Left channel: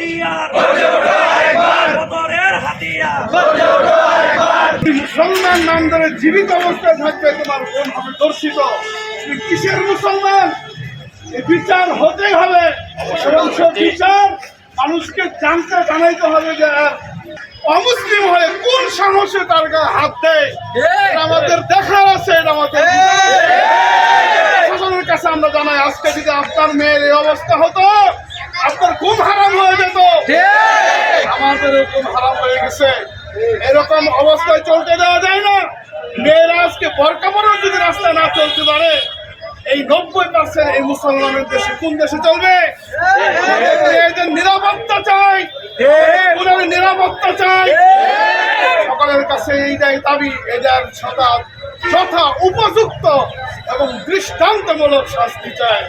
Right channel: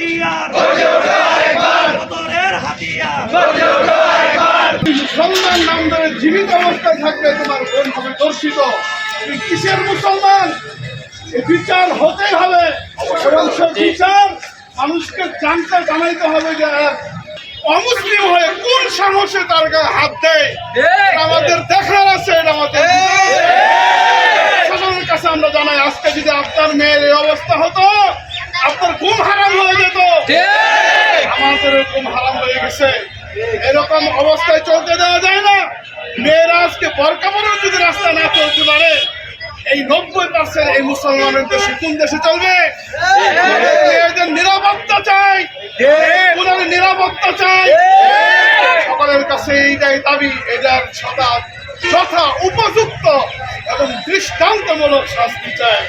হাতিয়ার, বদরের হাতিয়ার। মুসলমান নাম ধরে জীবিত অবস্থায় থাকবে তোমার কোন হবে দর্শিত? তুমি কিসের মুসলমান? এই বিচার হতে হবে এবং সেই বিচার মানুষকে জানাইতে হবে যে অমুসলিম হয়ে কোন সাহসে তার গায়ে হাত দেয়। এটা আমাদের দেখার আছে, এটা আমাদের প্রশাসনের কাছে আমরা জানাই। আজকে যদি আপনার মেয়ের এই অবস্থা হতো, আপনার ঘুম হারাম হয়ে যেত, আমাদের ঘুম হারাম হয়ে গেছে। এরকম অবস্থায় চলতে দেওয়া যায় না। মেয়েরা আজকে বোরকা পরেও যদি রাস্তায় না চলতে পারে, এই 90% এই মুসলমানের দেশে কোন দেশে চলবে? মেয়েদের নিরাপত্তা চাই, ওনার নিরাপত্তা চাই। সকলের কাছে এইটাই দাবি, এটার যথা উপযুক্ত এবং দৃষ্টান্তমূলক শাস্তি চাই।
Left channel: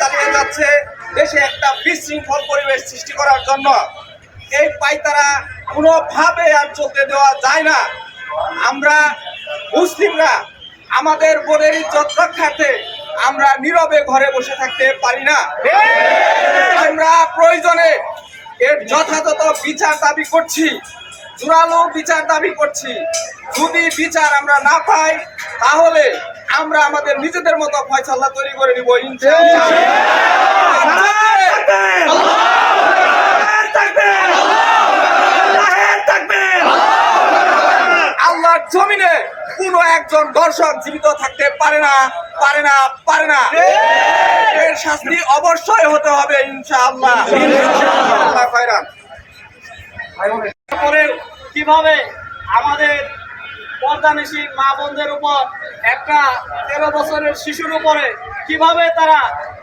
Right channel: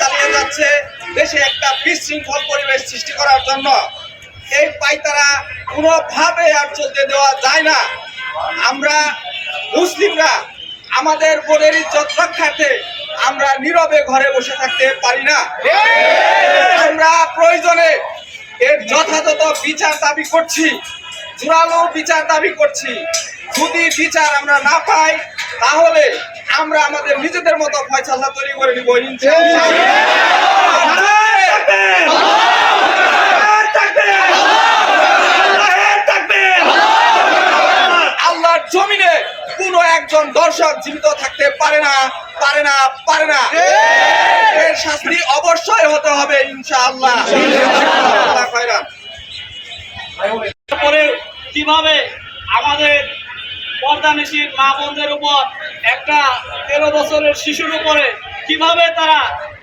চালিয়ে যাচ্ছে দেশে একটা বিশৃঙ্খল পরিবেশ সৃষ্টি করার জন্য। এই পায়তারা কোনোভাবে আর চলতে দেওয়া যায় না। আমরা মুসলিমরা আমাদের বোনের ইজ্জত রক্ষার্থে আমরা নীরবে ঘরে বসে থাকতে পারি না। আমরা প্রয়োজনে এর যথাযথ বিচার দাবি করছি, জোরালো বিচার দাবি করছি। যদি বিচার আমরা না পাই, তাহলে আমরা আমাদের নিজেদের মতো ফয়সালা তৈরি করে নিব ইনশাআল্লাহ। আল্লাহর জমিনে কোন একজন দর্শক জীবিত থাকতে পারে না, পারে না, পারে না। এর শাস্তি অবশ্যই হতে হবে ইনশাআল্লাহ। আল্লাহ খায়রান। পরে কিভাবে আমাদের পর্দানিশীন মা বোনদের উপর একটা 13 বছরের শিশুর উপরে কিভাবে তারা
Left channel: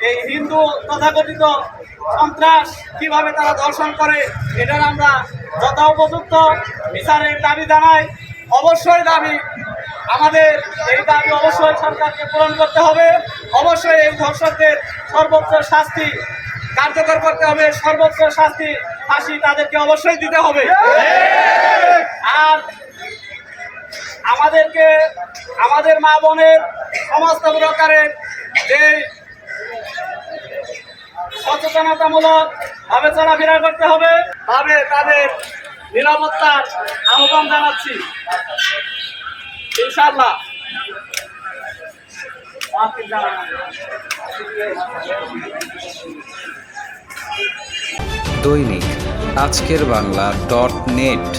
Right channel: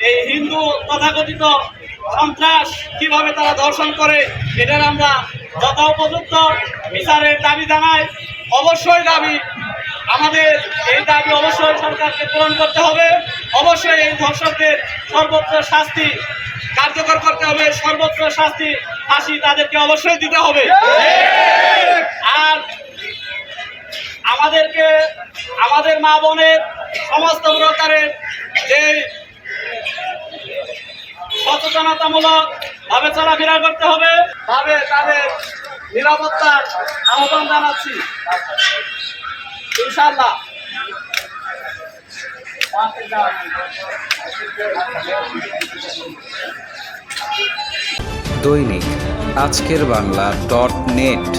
এই হিন্দু তথাকথিত সন্ত্রাস কিভাবে তারা ধর্ষণ করে, এটার আমরা যথোপযুক্ত বিচারের দাবি জানাই। অবশ্যই দাবি, আমাদের এই দাবি অবশ্যই সরকারকে পূরণ করতে হবে। অবশ্যই এই ধর্ষকদের সর্বোচ্চ শাস্তি কার্যকর করতে হবে, সর্বোচ্চ শাস্তি ফাঁসি তাদেরকে অবশ্যই দিতে হবে। আর আমাদেরকে আমাদের মা বোনের সমস্ত প্রকারের যে সচেতনতামূলক ভাবে চলাফেরা করতে হবে, ভাবে তাদের নিরাপত্তার আহ্বান জানাচ্ছি ইনশাআল্লাহ। দৈনিক আজকের বাংলা .net